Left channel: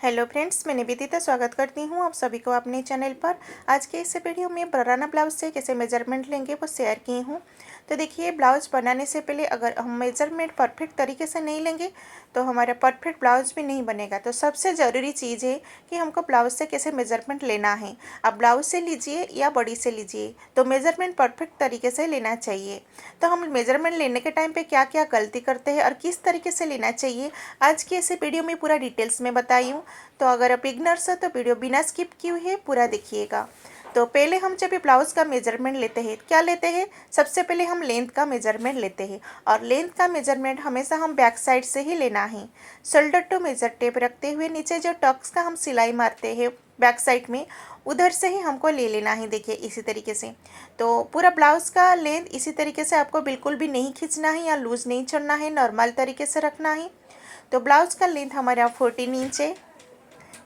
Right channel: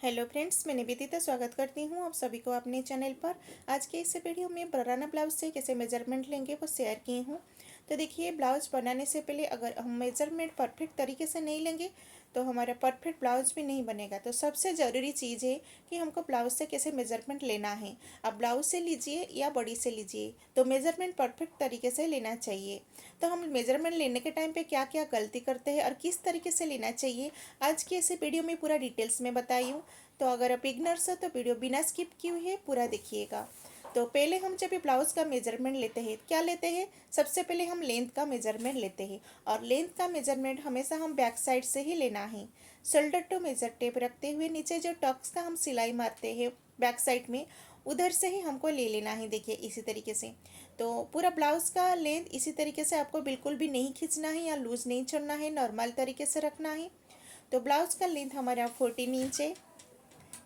Hello friends, मैं निवेदिता स्वागत करती हूँ आप सभी को अपने चैनल पर। आज के इस वीडियो में बराना ब्लाउज से कैसे मेजरमेंट लेंगे वो शेयर की हूँ। तो देखिए, ब्लाउज बनाने से पहले अगर हम मेजरमेंट परफेक्ट तरीके से नहीं लेंगे तो हमारा परफेक्ट ब्लाउज भी नहीं बनेगा। तो सबसे ज़रूरी चीज़ है कि हमको ब्लाउज से कैसे मेजरमेंट लेना है। आप ब्लाउज से लीजिए या बॉडी से लीजिए, तो मेजरमेंट परफेक्ट तरीके से लेना चाहिए। तो हम मेजरमेंट लेने के टाइम पे क्या क्या गलती करते हैं और किस तरीके से लेना चाहिए, आज की इस वीडियो में पूरा डिटेल्स में बताई हूँ। तो अगर आप इग्नर्स हो तो वीडियो बिना स्किप किए हुए पूरा देखिएगा। तो पहले हम जब भी ब्लाउज़ का मेजरमेंट लेते हैं, क्या लेते हैं, सबसे पहले हम लेंथ का मेजरमेंट लेते हैं। और लेंथ का मेजरमेंट हमेशा हम बैक साइड से ही लेना है। शोल्डर टू मेजर टेप रखते हुए नीचे जो टक्स का हम सिलाई मारते हैं बैक साइड में, उधर से ही हमको ले लेना है। देखिए इसी तरीके से। तो पूरा ब्लाउज़ का लेंथ इसी तरीके से आपको बिल्कुल भी नहीं खींचना है या लूज़ नहीं छोड़ना है, नॉर्मल तरीके से रखना है। तो ब्लाउज़ का लेंथ हमारा 14 इंच है।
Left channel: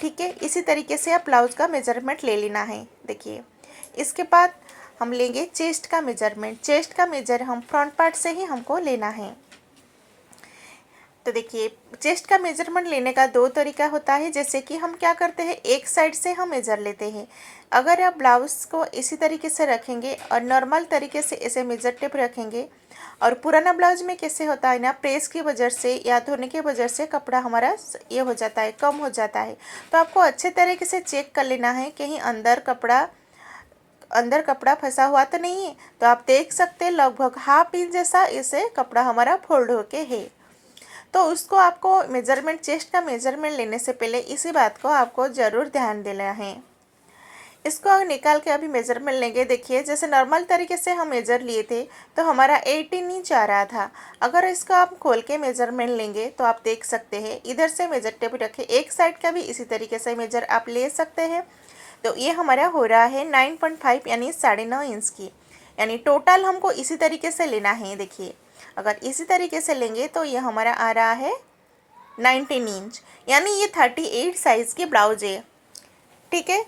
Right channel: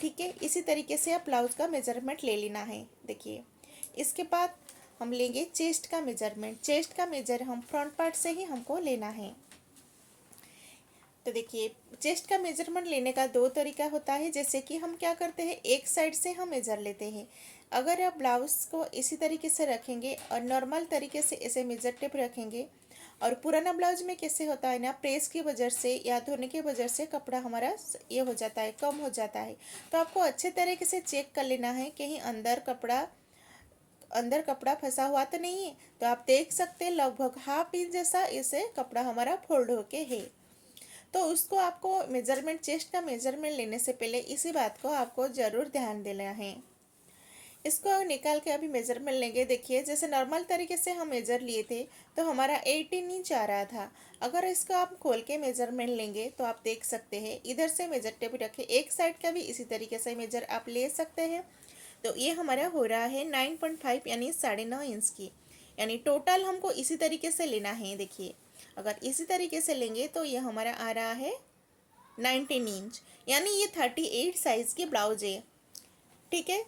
ठीक है, इसी तरीके से आप ब्लाउज का मेजरमेंट ले लेना है। देखिए, इसके बाद हम लेंगे चेस्ट का मेजरमेंट। चेस्ट का मेजर हम फ्रंट पार्ट से ही हमको लेना है। तो देखिए, चेस्ट का मेजरमेंट लेने का दो तरीका होता है। जैसे कि हम क्या करते हैं, एक साइड से हम मेजर लेते हैं। अगर आप ब्लाउज़ को इसी तरीके से रखेंगे और नॉर्मल तरीके से ऐसे मेजर टेप रखेंगे, और पुराना ब्लाउज में कैसे होता है ना, प्रेस की वजह से या धोने की वजह से कपड़ा हमारा ये हो जाता है, कम हो जाता है। तो आपको अच्छे तरीके से चेक कर लेना है कहीं अंदर कपड़ा फंसा हुआ तो नहीं है। तो आप देख सकते हैं लगभग हाफ इंच जैसा इसे कपड़ा हमारा फोल्ड होके है। तो उसको आपको मेजरमेंट, चेस्ट का मेजरमेंट लेने से पहले इसी बात को आपको ज़रूर ध्यान देना है। इसको अगर निकाल के अभी मेजरमेंट लेंगे, देखिए जैसे नॉर्मल तरीके से हम मेजर लिए थे तो हमारा 18 इंच आ रहा था। अगर इसको आप खोल के मेजरमेंट लेंगे तो आप देख सकते हैं, इधर से मेजर टेप रखे, एक साइड का भी इसी तरीके से मेजर आप ले सकते हैं। तो ये हमारा हो रहा है 9.5 यानी 9.5 इंच की। यानी टोटल हमको इसी तरीके से लेना है। देखिए, अगर इसी तरीके से लेंगे तो ये हमारा आ रहा है 19 इंच, यानी ये 38 साइज़ की ब्लाउज है। ठीक है,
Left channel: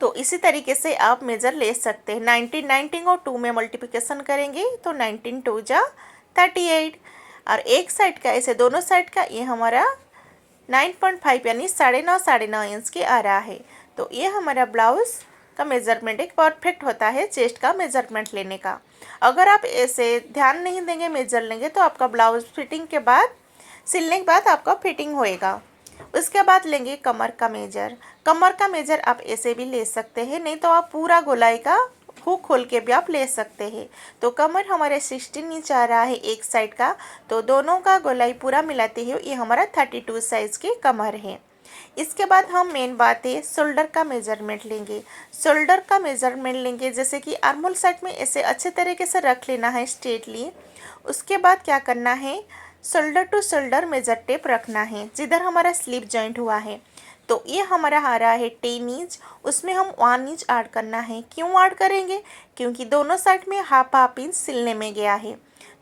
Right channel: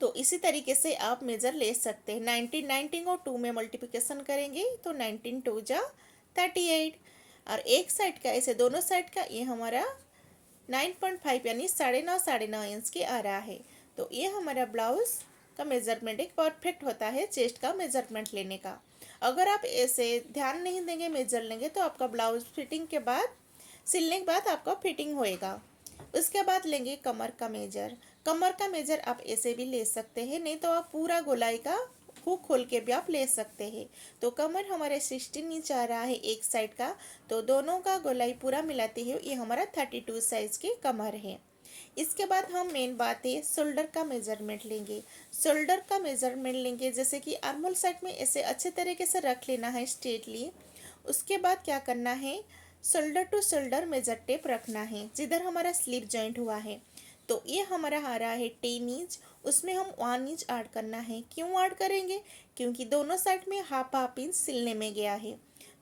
तो इसी तरीके से आप मेज़र ले सकते हैं। 19 19 और 2 में मल्टीप्लिकेशन करेंगे तो 19 2 जा 38। और एक साइड का, ऐसे दोनों साइड का, ये हमारा 9.5 यानी 9.5 इंच की आ रहा है। तो ये हमारा ब्लाउज़ का मेज़रमेंट एक परफेक्ट होता है चेस्ट का मेज़रमेंट लेने का। अगर आप ऐसे ध्यान नहीं देंगे, मेजर लेंगे, तो आपका ब्लाउज फिटिंग के बाद, सिलने के बाद आपका फिटिंग होएगा। उसके बाद लेंगे कमर का मेजर। कमर का मेजर आप ऐसे भी ले सकते हैं, नहीं तो आप पूरा गोलाई का हुक खोल के भी आप ले सकते हैं। तो कमर हमारे 16 इंच आ रहा है एक साइड का, तो दोनों का गोलाई पूरा मिलाते हुए ये हमारा 32 साइज की कमर है। इसके बाद हम मेन बात है, शोल्डर का मेजरमेंट लेंगे। शोल्डर का मेजरमेंट लेंगे, जैसे कि आर्मोल साइड में ऐसे अच्छे तरीके से रख लेना है स्ट्रेटली। उसके बाद क्या करना है, shoulder to shoulder measure tape रखना है जिधर हमारा स्लीप जॉइंट हुआ है। तो ये हमारा आ रहा है 10 इंच, उसमें हम 1 इंच ऐड करना है। क्यों ऐड करेंगे, क्योंकि दोनों साइड में हाफ हाफ इंच सिलने में गया है।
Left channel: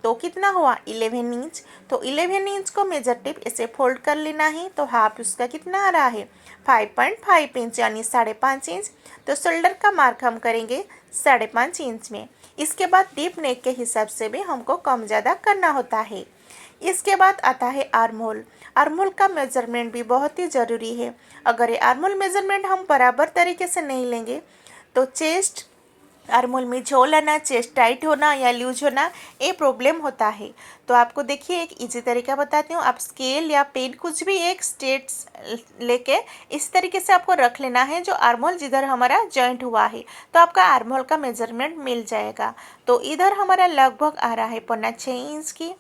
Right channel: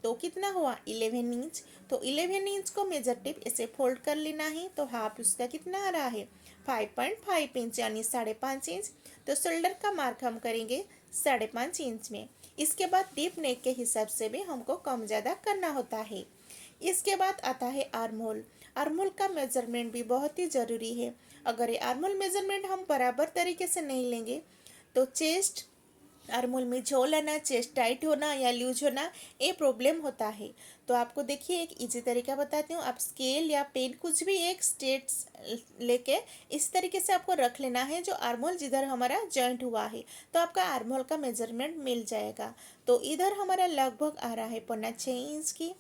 तो कितना हुआ, 11 इंच। तो 11 इंच को मेजर टेप ऐसे फोल्ड कर लेना है। तो हाफ उसका कितना आ रहा है, 5.5 इंच यानी 5.5 इंच। तो शोल्डर का मार्क हम करेंगे 5.5 इंच में। इसके बाद डीप नेक के हिसाब से भी हमको कम ज़्यादा करना होता है। इसके बाद आता है आर्महोल। आर्महोल का मेजरमेंट भी बहुत ही ज़रूरी है। अगर ये आर्महोल मेजरमेंट हम बराबर तरीके से नहीं लेंगे तो चेस्ट, आर्महोल में झोल आना, चेस्ट टाइट होना या लूज होना, ये प्रॉब्लम होता है। तो आपको देखिए एक इजी तरीका बताती हूँ। आप स्केल या पेन कुछ भी एक स्ट्रेट्स लेके इस तरीके से आपको रख लेना है जो आर्महोल जिधर हमारा जॉइंट हुआ है, तो आपका आर्महोल का मेजरमेंट मिल जाएगा। तो इधर हमारा लगभग आ रहा है 6.25 इंच की।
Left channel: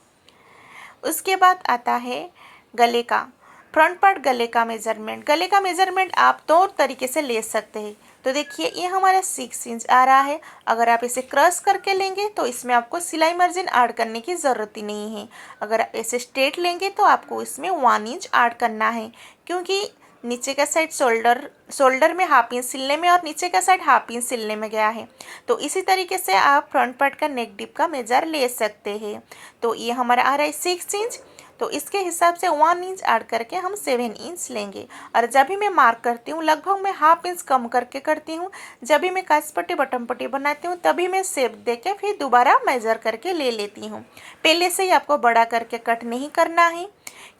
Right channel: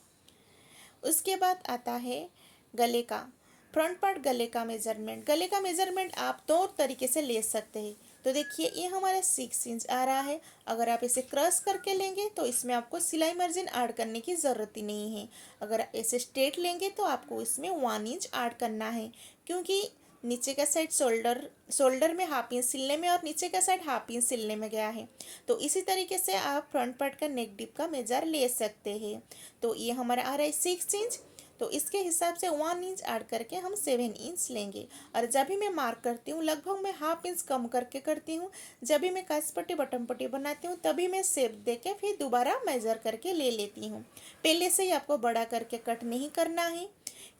उसके बाद आता है गले का, फ्रंट पार्ट गले का मेजरमेंट। गले का मेजरमेंट आप दो तरीके से ले सकते हैं। तो देखिए ये हमारा 6 इंच आ रहा है। अगर आप इसे क्रॉस करके लेंगे तो इसमें आपको सिलाई मार्जिन ऐड करने की ज़रूरत ही नहीं है। अगर आप ऐसे स्ट्रेट लेंगे तो आपको इसमें 1 इंच ऐड करना है, क्योंकि नीचे का साइड शोल्डर में हाफ इंच सिलने में और नीचे का साइड हाफ इंच सिलने में गया है। तो इसी तरीके से आप फ्रंट पार्ट का नेक डिप का मेजर ले सकते हैं। तो ये हमारा आ रहा है 6 इंच। तो इसके हिसाब से 1 इंच ऐड करके हम 7 इंच लेंगे। और जब भी मैं मार्क करती हूँ लगभग मैं हाफ इंच कम करके करती हूँ। जब भी मैं काज पट्टी बटन पट्टी बनाती हूँ तभी मैं शेप दे के फिर दोबारा मेजर करके ले लेती हूँ। पहले से ही आपको बड़ा करके कट नहीं करना है,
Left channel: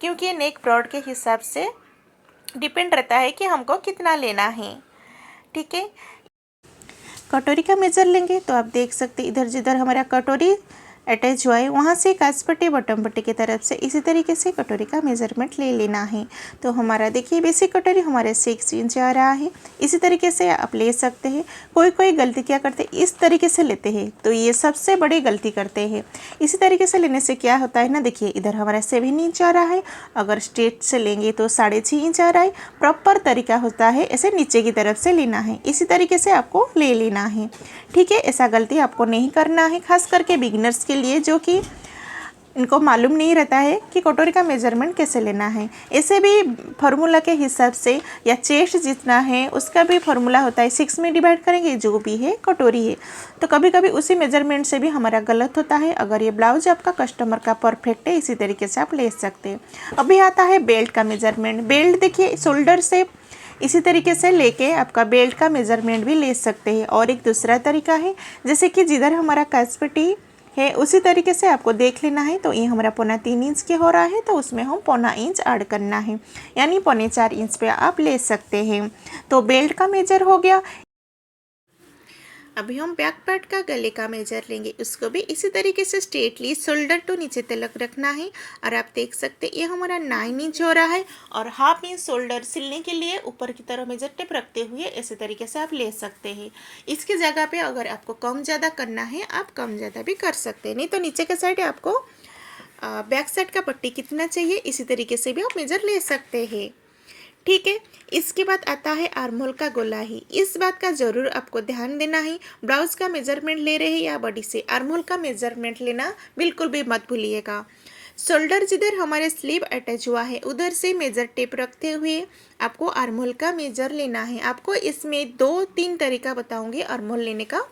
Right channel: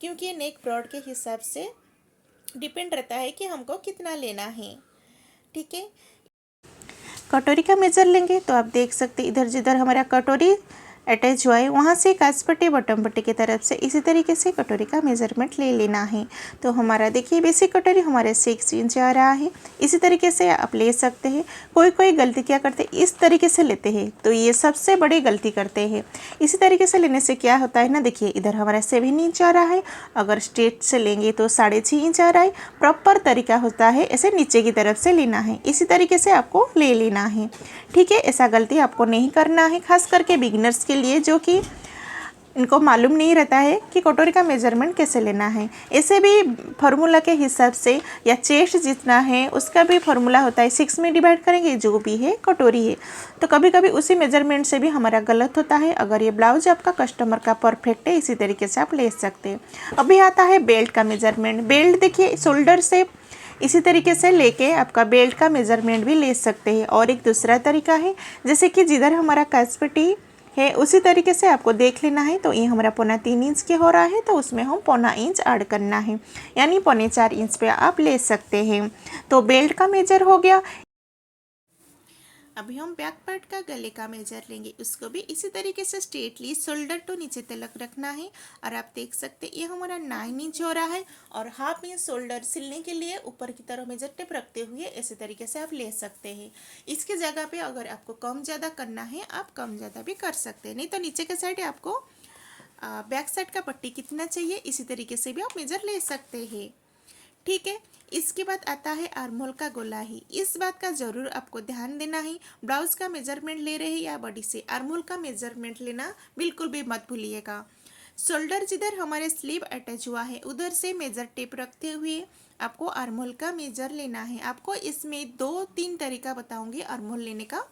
क्योंकि नेक ब्रॉड के हिसाब से डिपेंड रहता है कि हमको कितना लेना है। ठीक है, कटोरी का मेज़र लेंगे तो आप देख सकते इधर जिधर हमारा कटोरी अटैच हुआ है वहाँ से काज पट्टी बटन पट्टी की तरफ से इसी तरीके से कटोरी का मेज़रमेंट ले लेना है। तो हमारा देखिए बेसिक कटोरी हमारे 6 इंच आ रहा है। इसी तरीके से आप ले सकते हैं। कोई कोई गलती क्या करते हैं, इस तरीके से लेते हैं, तो ये सबसे बड़ी गलती करते हैं। इसी तरीके से लेने से क्या होता है ना, देखिए इधर हमारा 7 इंच आ रहा है, अगर स्ट्रेट से लेंगे तो 6.5 इंच आ रहा है। प्रॉपर तरीका होता है ऐसे नीचे की तरफ से लेना है, इसी तरीके से आपको ले लेना है। ठीक है, ऐसा गलती आपको नहीं करना है, खास करके बिगिनर्स के लिए जो कि इनको मालूम नहीं रहता है कि कटोरी का मेजरमेंट कैसे लेना है। ऐसे भी फार्मूला के हिसाब से या चेस्ट जितना है उसका भी फार्मूला होता है, 6 में डिवाइड करेंगे जो भी है कटोरी है। तो कभी कभी उसी मेजरमेंट से भी हमारा गलत होता है। अगर ये ब्लाउज आपका कस्टमर का परफेक्ट है, इसी तरीके से आप ले सकते हैं। अभी आता है बेल्ट का मेजरमेंट। बेल्ट देखिए शोल्डर से इसी तरीके से लेके आपका बेल्ट का मेजरमेंट भी ले सकते हैं। और एक दूसरा तरीका है, जैसे कि जिधर हमारा काज पट्टी है उसी तरीके से आपको देख लेना है। तो ये हमारा 3.25 इंच के हो रहा है, तो उसमें हम 1.25 इंच ऐड करना है, यानी 4.25 इंच पे आप ले सकते हैं। तो बेल्ट का मेजर हो गया। अभी हम बैक पार्ट का गले का मेजर लेंगे, उसको भी इसी तरीके से स्ट्रेटली शोल्डर तो नीचे तलक रखना है। और आप देख सकते हैं ये हमारा 9 इंच हो रहा है। और 1/2 इंच शोल्डर सिलने के लिए ऊपर की तरफ मेजर टेप रखते हुए इसी तरीके से आप ले सकते हैं। इसकी जगह पे अगर आपको कम ज़्यादा करना है आप कम ज़्यादा भी कर सकते हैं, नहीं तो नीचे का साइड आपको बैक साइड का पट्टी कितना चाहिए इसी तरीके से भी आप मेजर ले सकते हैं। ठीक है, इसके बाद आता है आर्महोल का गोलाई। इस बात का ज़रूर आपको ध्यान देना है, ब्लाउज का मेजरमेंट ले रहे हैं या बॉडी से, आर्महोल का मेजरमेंट लेना बिल्कुल भी मत भूलिएगा। शोल्डर जिधर हमारे स्लीव अटैच हुआ है उधर से मेजर टेप रखते हुए आपको आर्महोल का मेजर लेना है। आपको इसमें 2-3 तरीका बताऊंगी आर्महोल लेने का,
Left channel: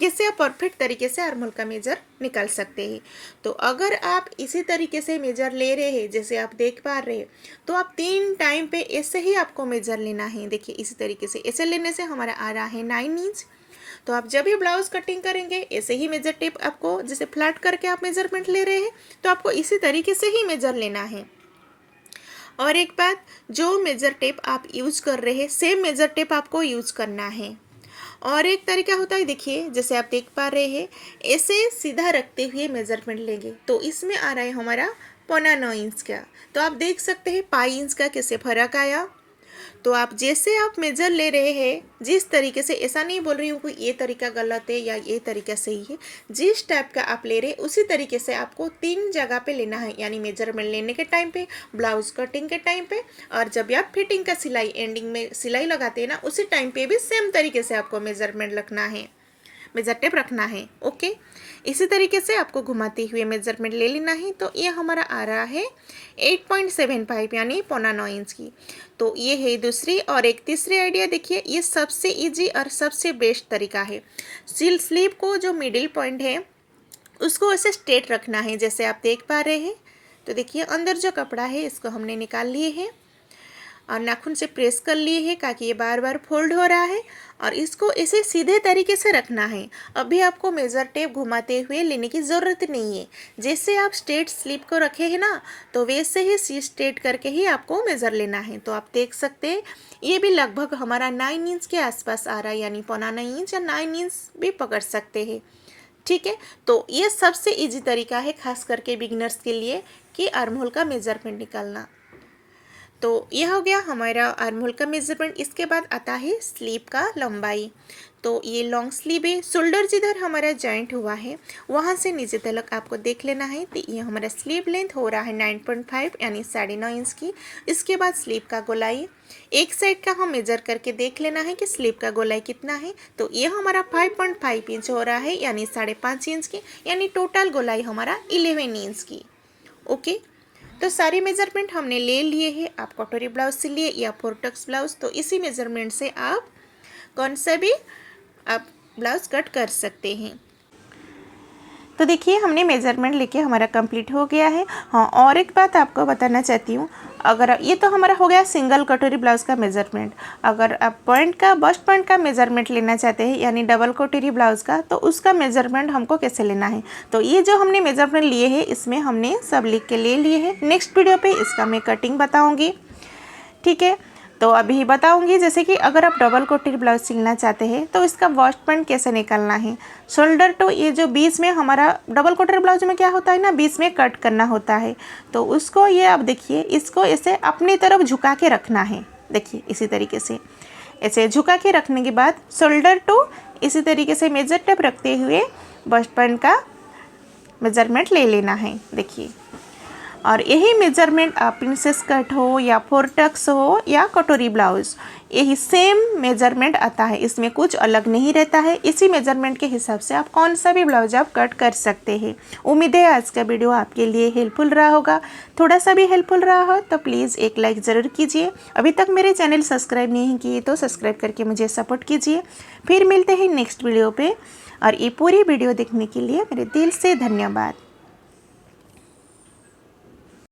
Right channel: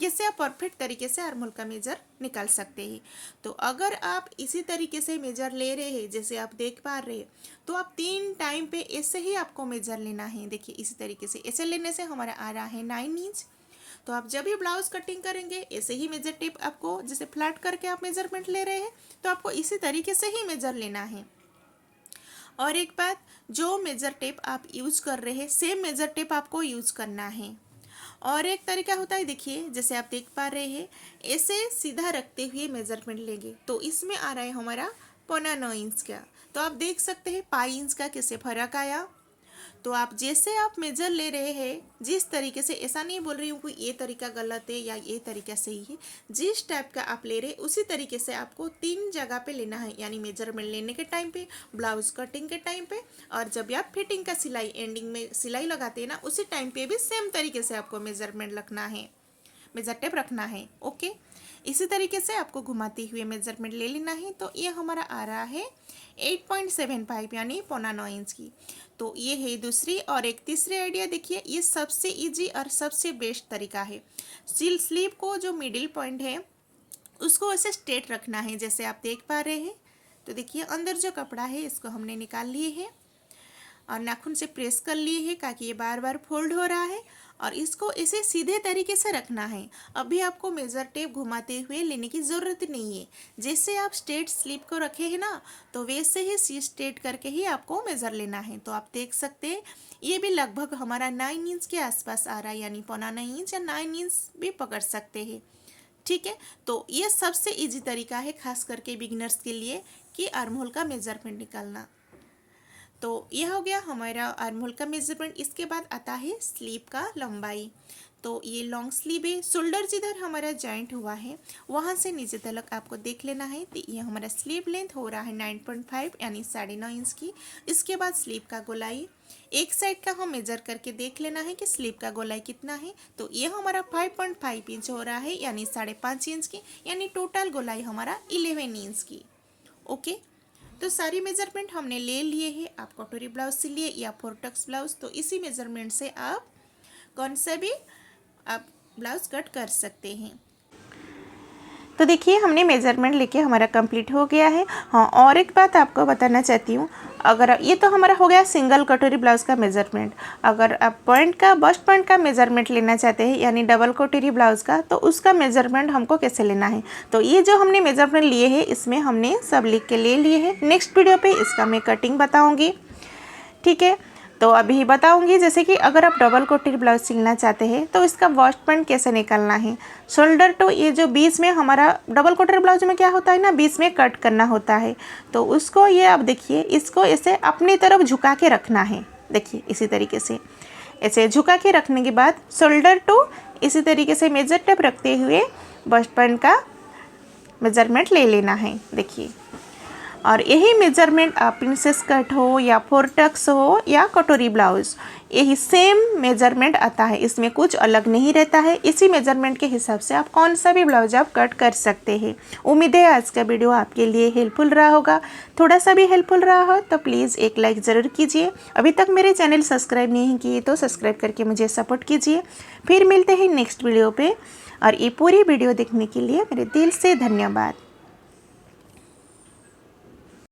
जिससे आप परफेक्ट तरीके से आर्महोल का मेजर निकाल सकते हैं। तो अगर आप इसी तरीके से मेजर ले रहे हैं जैसे आप देख पा रहे हैं, तो आप 3 टाइम पे ऐसे ही आपको मेजर लेना है। देखिए इसी तरीके से ऐसे लेने से हमारा आ रहा है 9 इंच। तो आप जब भी ब्लाउज कटिंग करेंगे ऐसे ही मेजर टेप आपको, जैसे फ्लैट करके आप मेजरमेंट ले रहे हैं तो आपको इसी तरीके से ही मेजर लेना है। और एक बात, जो मेजर टेप आप यूज कर रहे हैं सेम मेजर टेप आपको यूज करना है। और एक तरीका होता है, देखिए जैसे आप देख पा रहे हैं ऐसे सीधा रखते हुए मेजरमेंट लेंगे तो इसमें आ रहा है हमारा 1.25 इंच का। तो आप देख सकते हैं 5 इंच का कैसे फर्क आया। तो आप जैसे आप मेजर ले रहे हैं जिस तरीके से, ऐसा नहीं बोल रही हूँ कि ये तरीका गलत है या ये तरीका सही है, जिस टाइप का आप ले रहे हैं उसी तरीके से आपको 3 जगह पे लेना है, यानी मेजरमेंट लेने के टाइम पे, ब्लाउज कटिंग के टाइम पे, और जब आप फिटिंग का सिलाई एंडिंग में सिलाई लगाते हैं ना उसी टाइम पे भी सेम तरीके से आपको मेजरमेंट रखना है, मेजर टेप रखना है। ओके, इसी तरीके से आपको घुमाते हुए मेजरमेंट ले लेना है। तो ये हमारा आ रहा है 8.75 यानी 1.25 इंच की। तो ये है दूसरी। और एक तीसरी आइडिया देखिए, ये सबसे इजी और सबसे बेस्ट तरीका है। स्लीव को जो मिडिल पॉइंट है उसको ऐसे स्ट्रेट रखना है जैसे आप देख पा रहे हैं। तो देखिए अंदर जो कपड़ा है इसको हमने निकाल लिए है और नाखून से प्रेस कर लिए है ताकि ये बार बार फोल्ड हो रहा है। और इसको ऐसे सीधे तरीके से रखना है। अभी आपको मेज़र टेप घुमाते हुए लेने की ज़रूरत नहीं है। जैसे आप स्ट्रेट स्लीव को रखे हैं ना, तो वैसे ही सी स्ट्रेट करके ही आपको मेज़र लेना है। तो आप देख सकते हैं ये भी लगभग हमारा 9 इंच के आसपास आ रहा है, यानी 1.25 इंच या 9 इंच भी पकड़ सकते हैं। ठीक है, तो ये सबसे ईजी तरीका है खास करके बिगिनर्स के लिए कि आर्महोल का मेजरमेंट निकालना। तो यह हो गया हमारा आर्महोल का मेजरमेंट। इसके बाद आता है स्लीव का लंबाई। तो ये लॉन्ग स्लीव है, शोल्डर जिधर हमारा जॉइंट हुआ है वहाँ से नीचे तक आपको देख लेना है। तो ये हमारा स्लीव लेंथ हो रहा है 9.5 यानी 9.5 इंच की। इसके बाद स्लीव का गोलाई एक साइड का हम मेजर करके देख लेना है कि स्लीव का गोलाई कितना है। तो ये हमारा 5.5 इंच हो रहा है यानी 5.5 इंच की, यानी टोटल गोलाई हमारा 11 इंच की। ओके, तो सारी मेजरमेंट हमने ले लिए हैं। आप कटोरी ब्लाउज सिलिए या फोरटक्स ब्लाउज, तो इसी मेजरमेंट से आप कौन सा भी आप ब्लाउज कट कर सकते हैं। तो देखिए हमने मेजरमेंट लेके हमारा कंप्लीट हो गया है। हाँ, और एक बात आपको बताना चाहती हूँ, अगर ये तो हमारा हो गया सिंगल कटोरी ब्लाउज़ का मेजरमेंट। अगर आप पॉइंट का, बस्ट पॉइंट का मेजरमेंट लेना चाहते हैं यानी डबल कटोरी ब्लाउज़ का, तो उसका मेजरमेंट हमको कैसे लेना है। तो ये जो हमने मेजरमेंट लिए हैं इसमें हमने सब लिख के ले लिए हैं। नेक्स्ट वीडियो पे इसका मैं कटिंग बताऊँगी। ठीक है, तो अभी बताऊंगी, जैसे कि अगर आप डबल कोटेड ब्लाउज सिलना चाहते हैं तो इसका वेस्ट पॉइंट कैसे निकालना है। शोल्डर टू ये जो बीच में हमारा डबल कोटेड ब्लाउज में क्या होता है ना, बीच में कट करना होता है। तो उसको ये आप देखिए, इसको ऐसे अपनी तरफ झुका के रखना है। देखिए इसी तरीके से ऐसे झुका के रखने के बाद शोल्डर टू इसी तरीके से मेजर टेप रखते हुए वेस्ट पॉइंट का मेजरमेंट ले लेना है। देखिए, और यही मेजरमेंट आप प्रिंसेस कट हो या फोर टक्स हो या कटोरी ब्लाउज, यही सेम मेजरमेंट आता है, इसमें कुछ अलग नहीं रहता है। इसी मेजरमेंट के हिसाब से आप कौन सा भी ब्लाउज आप कट कर सकते हैं। उम्मीद है आज का वीडियो आपके लिए हेल्पफुल रहा होगा। थोड़ा सा भी हेल्पफुल रहा हो तो प्लीज़ एक लाइक ज़रूर कीजिए। अभी तक मेरे चैनल सब्सक्राइब नहीं किए तो सब्सक्राइब करके मुझे सपोर्ट कीजिए। फिर मिलते हैं नेक्स्ट वीडियो पर, और ये पूरी वीडियो देखने के लिए मेरे दिल से धन्यवाद।